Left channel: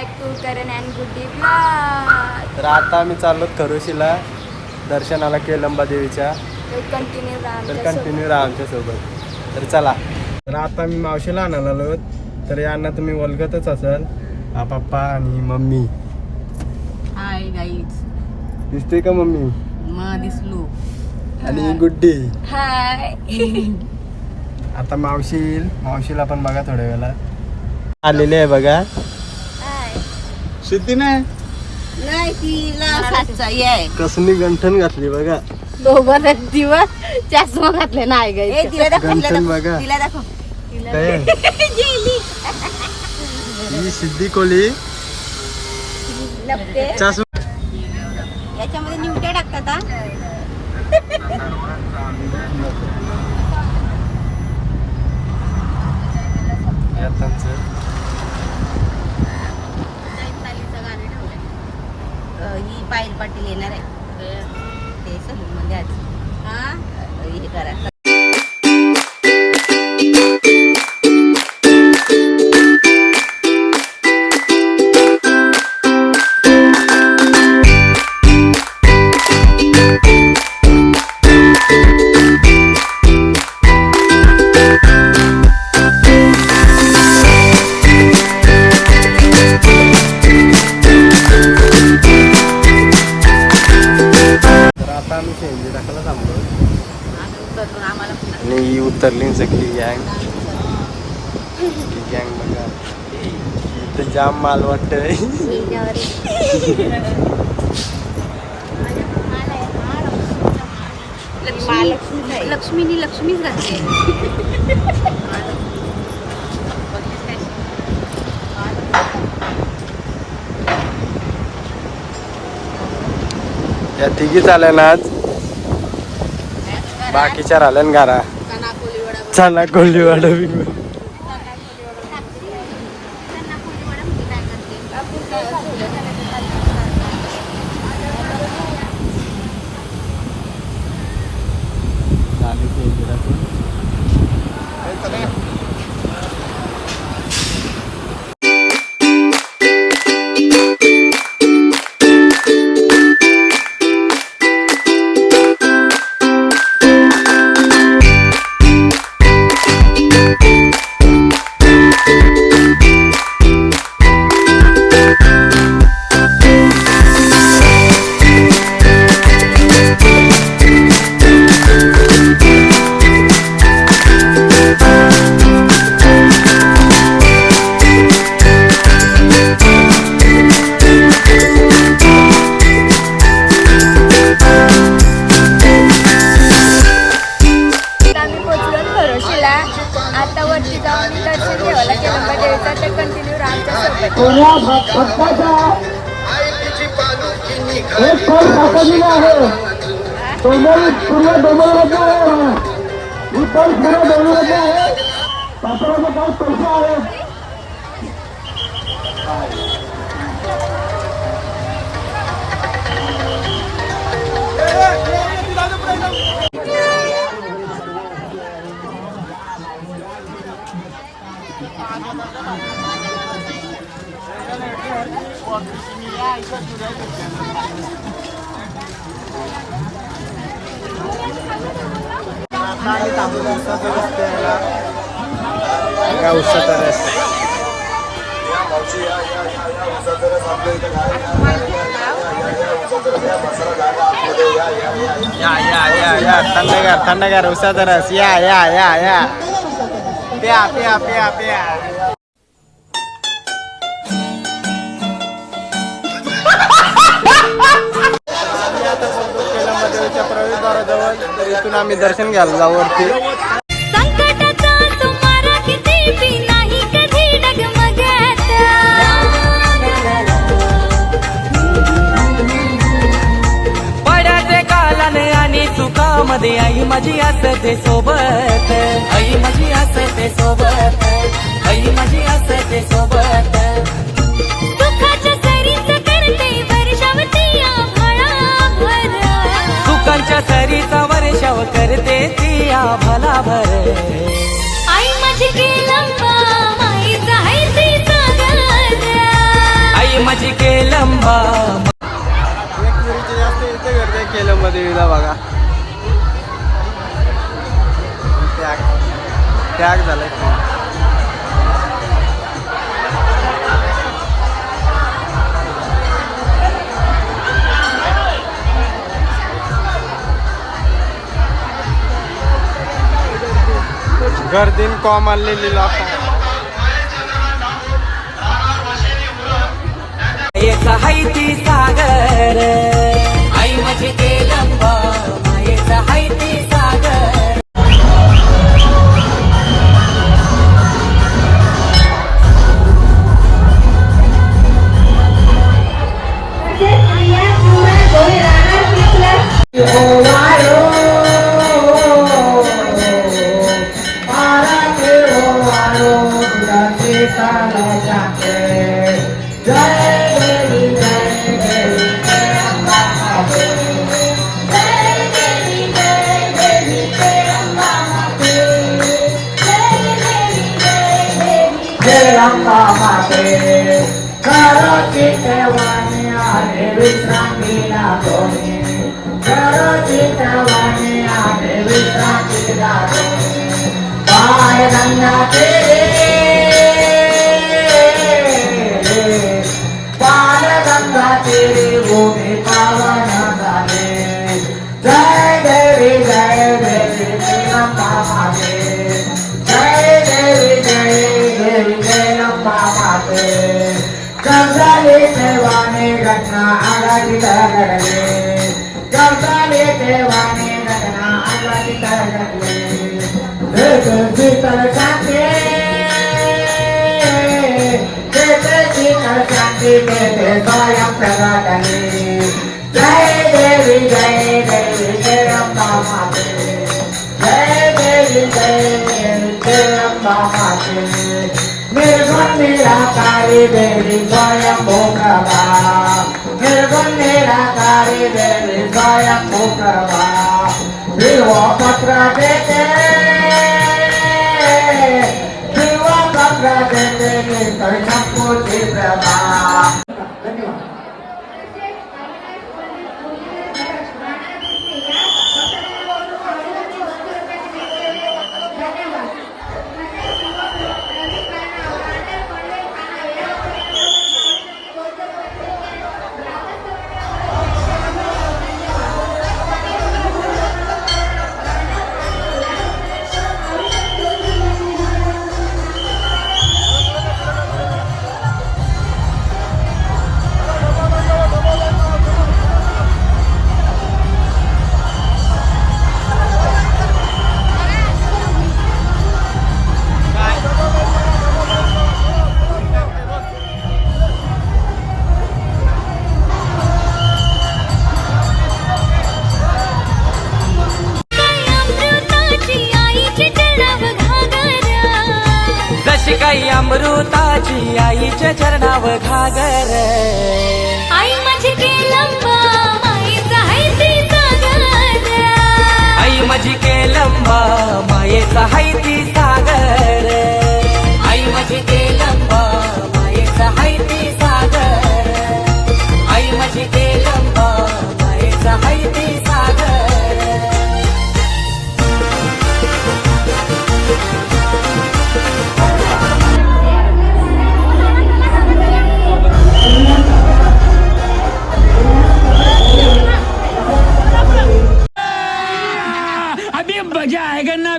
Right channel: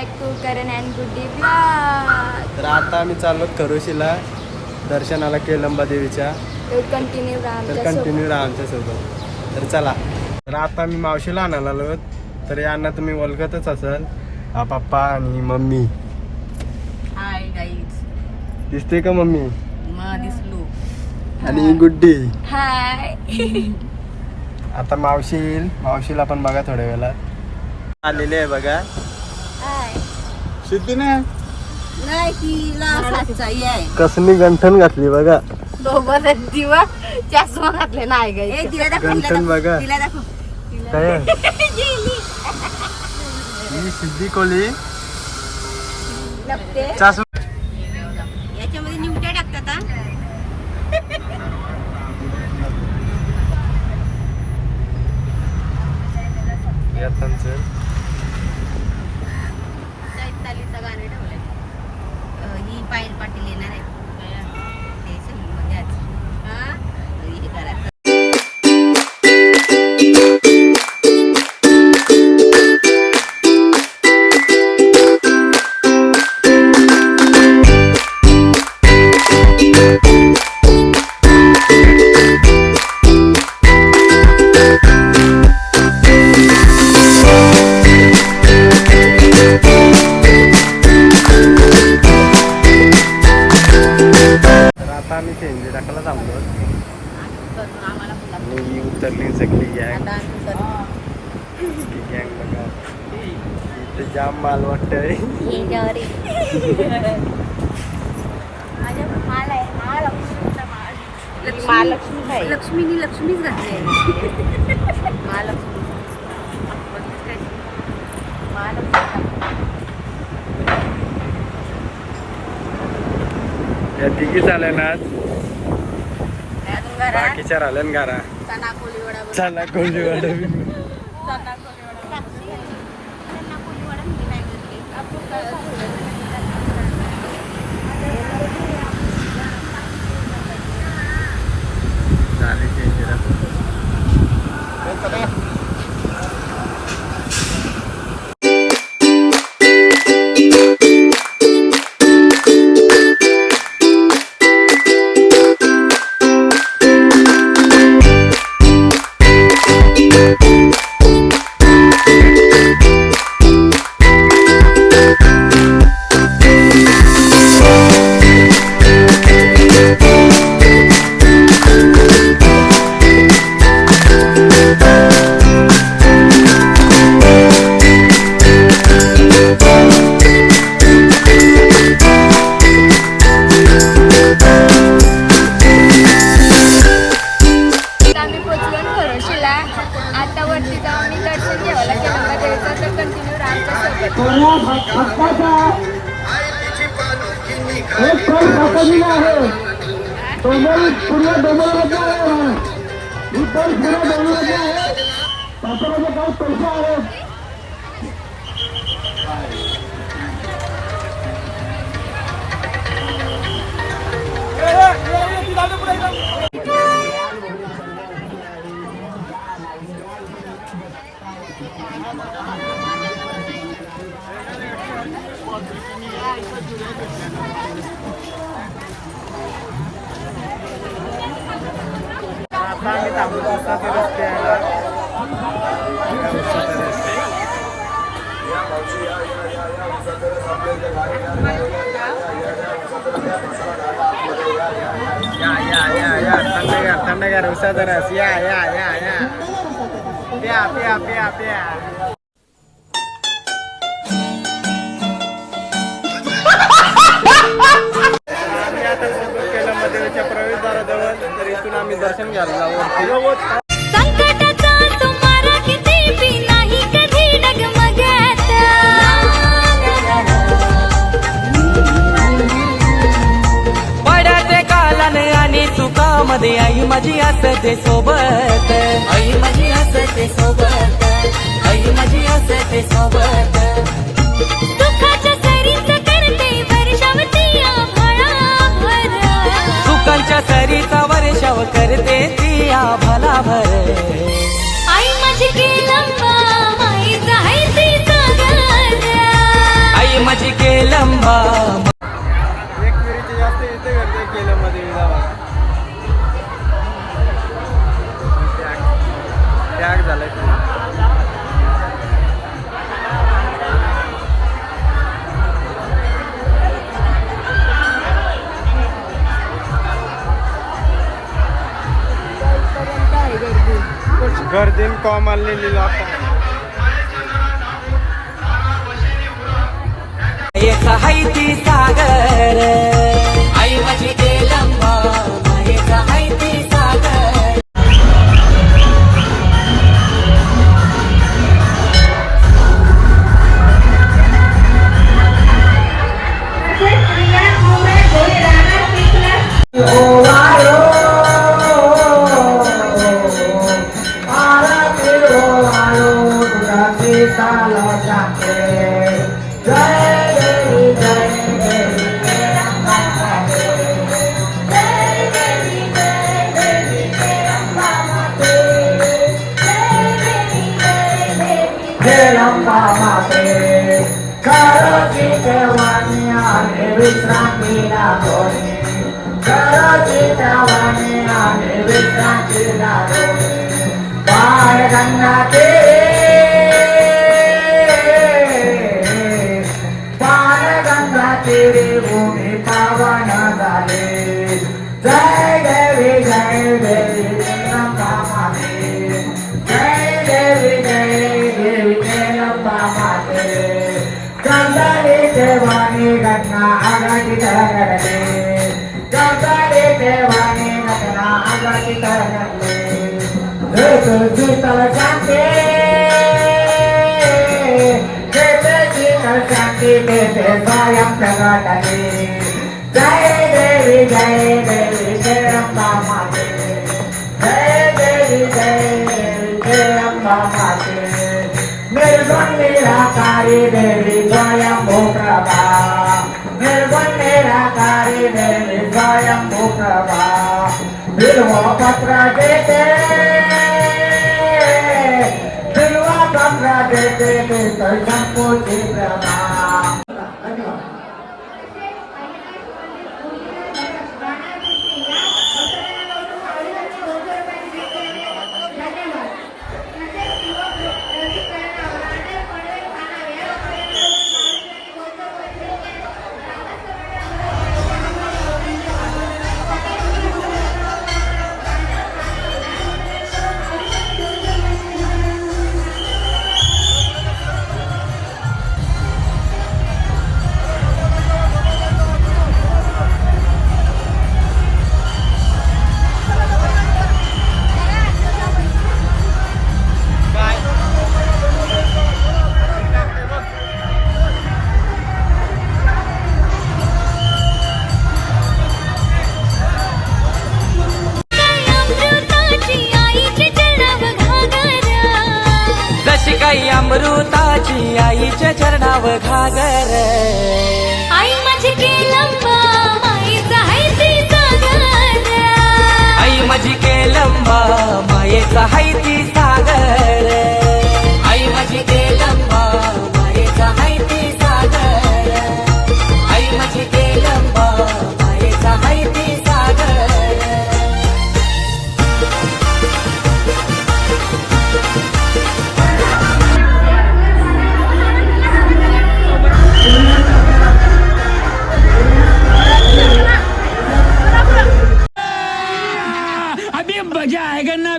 Back to Karan and Guddi blog. तर आता आम्ही चाललो खरोशीला दर्शनाला केलंबा देवीच्या. तर कंटिन्यू राहा आमच्यासोबत. तर चला. तर आता मी मावशीला आणायला आलो. तर यांना तुम्ही ओळखतच असाल, हा पप्पा आणि मम्मी. Hi guys. दिसते का मम्मी? दिसलो. आणि गुड्डी. हाय. आता मावशी येईल, मावशीला पण बघा थोड्या वेळात. आलेले आहे बघा. हाय. शुद्धी नाही नाही तिला सातचा आहे. कसली गंठन घातली बघा. दोघं दिवस चष्मा घातले नाही गाई. तिला गंठन बघा. तिला दाखव. काय ही सिद्धी कोली चासू. याच्यामध्ये निवट्या टाकता का? गाणं ठेवलंय. ही पायल पाटील येणार आहे ते सलून मध्ये आज. हा हे करा. आम्ही शेंजी टाकायला थांबलो आणि ही उतरली सगळी गँग. ही गँग बघा, इथं जाम माल वाटतंय. लक्ष्मीनी लक्ष्मीच घातली. या तिघी चालेल आज, बाकीच्या राहिल्या घरा. चना कोली वडा झाली चेंज राहतो. आता वरती जाऊन मी दर्शन घ्यायला केलंबा देवीचा. तर कंटिन्यू रामच्या आता आम्ही थांबलो उसाचा रस्ते यायला. उसाचा रस्ते या थंडगार उसाचा रस. या या या या प्या प्या प्या प्या. आम्ही आता पोहोचलो केलंबा देवीच्या प्रवेशद्वाराजवळ. तर इथून आम्ही दर्शन घ्यायला जाऊ वरती. संकटाचा तुम्हाला किती बी नाही कधी डगमगत. पड्याचे कालाने आणि सुखामध्ये आई माझी असते सोबत. आई माझी असते सोबत. आई माझी असते सोबत. सुखाच्या सरीच करते वर्षावती आभाळाभर. सुखांच्या सरीचा वर्षाव करते ती आभाला भर. आई माझी केलंबा माईचा आहे ती सागर. केलंबा. एक मिरीचे जास्त इथे करते केलं मध्ये विजा बघा. त्याग झालाय की गर्दीन कॉम आलेली लोक. मायेचा हाय ती सागर, आई माझी केलंबा. मायेचा हाय ती सागर. जशी काही अमृताची आईच्या चरणाव घागर. आई माझी केलंबा मायेचा हाय ती सागर. आई माझी केलंबा मायेचा हाय ती सागर. आई माझी केलंबा मायेचा हाय ती सागर. आई माझी केलंबा मायेचा हाय ती सागर. अभी मजा आएगा ना.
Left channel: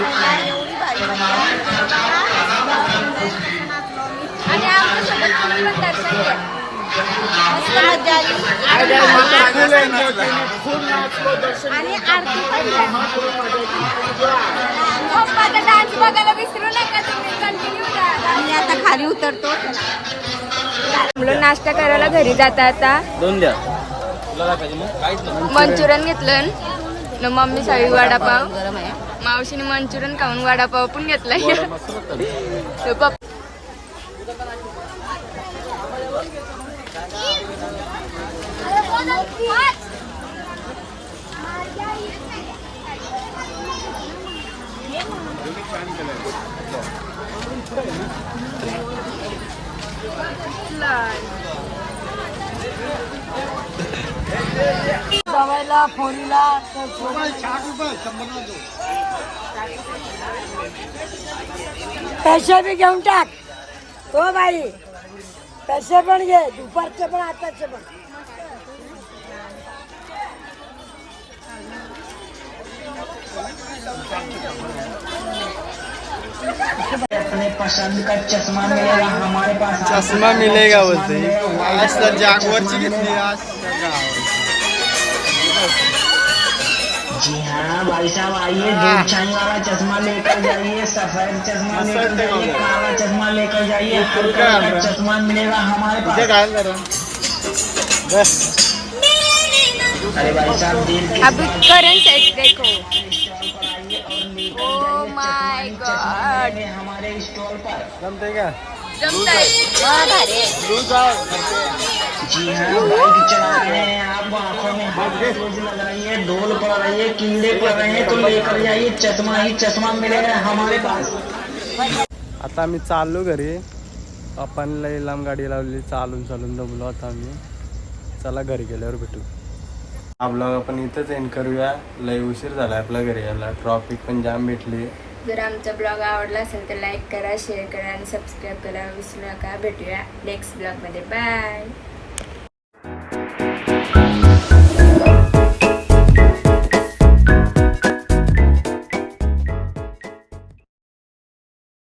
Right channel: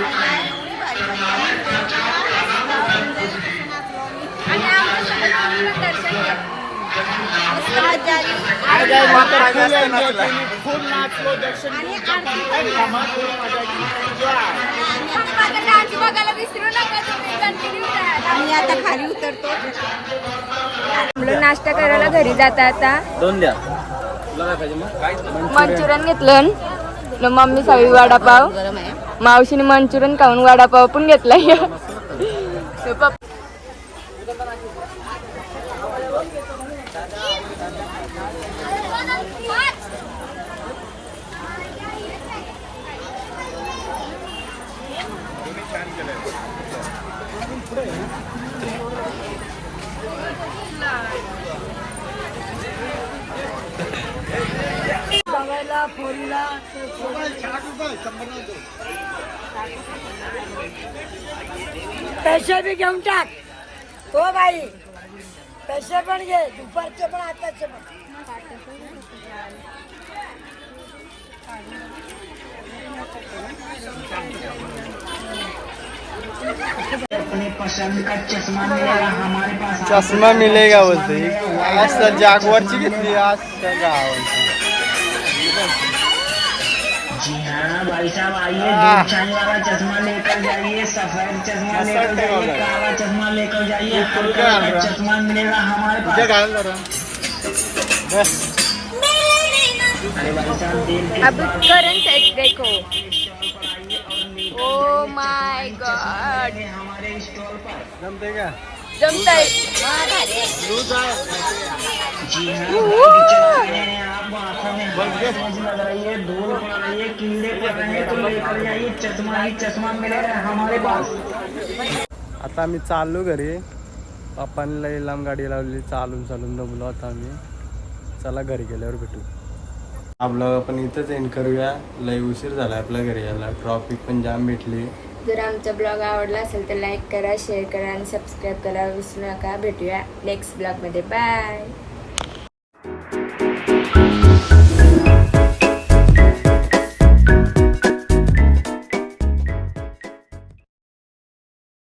एवढी भारी वाटली. आणि आमच्यासोबत तुम्ही पण दर्शन घ्या. आज झाली. आणि आरती पण झाली. पप्पाचा डान्स बघायला विसरू नका तुम्ही, कंटिन्यू राहा. आणि आता खाली उतरतो. नाश्ता करायला घरी जाता आता. 2 द्या. मंचुरियन घेतलं न मम्मी सावी वडापाव, गरम आहे. मावशीने मंचुरियन खाऊन वडापाव पण घेतलाय. पैसे बी घेऊन टाक हो बाई, पैसे पण घे, दुपारचे पण आताचे पण. अपने पसंद का चश्मा मिलेगा हमारे पास. चष्मा मिलेगा बोलते. आज तर जागवारची घेतली, आज त्या गावाची. जी हाँ भाई साहब, आइए दूध छाई वाला चश्मा लेकर जाइए, सफेद चश्मा लेकर जाइए, काला चश्मा लेकर जाइए, हर कलर का चश्मा मिलेगा हमारे पास. अरे भाई साहब दिल की अब करंट सेट देखो. ओ माय गॉड, हमारे स्टोर पर. जमते का? जमतंय. जी हाँ बाइक चला रहे हैं, आपको आंखों में तेज लग रही है, डोल पड़ रही है, कीड़े पड़ रहे हैं, तो लेकर जाइए, चश्मा ही चश्मा मिलेगा हमारे पास. आता आम्ही चाललो घरी. पप्पांनी लई लांब गाडी लावली, चालून चालून दमलो आता आम्ही. चला घरी गेल्यावर भेटू. हा ब्लॉग आपण इथंच एंड करूया. लई उशीर झाला आपल्या घरी यायला, ट्रॉफिक पण जाम भेटली. जर आमचा ब्लॉग आवडला असेल तर लाईक करा, शेअर करा आणि सबस्क्राईब करा विसरू नका. भेटूया नेक्स्ट ब्लॉगमध्ये. बाय.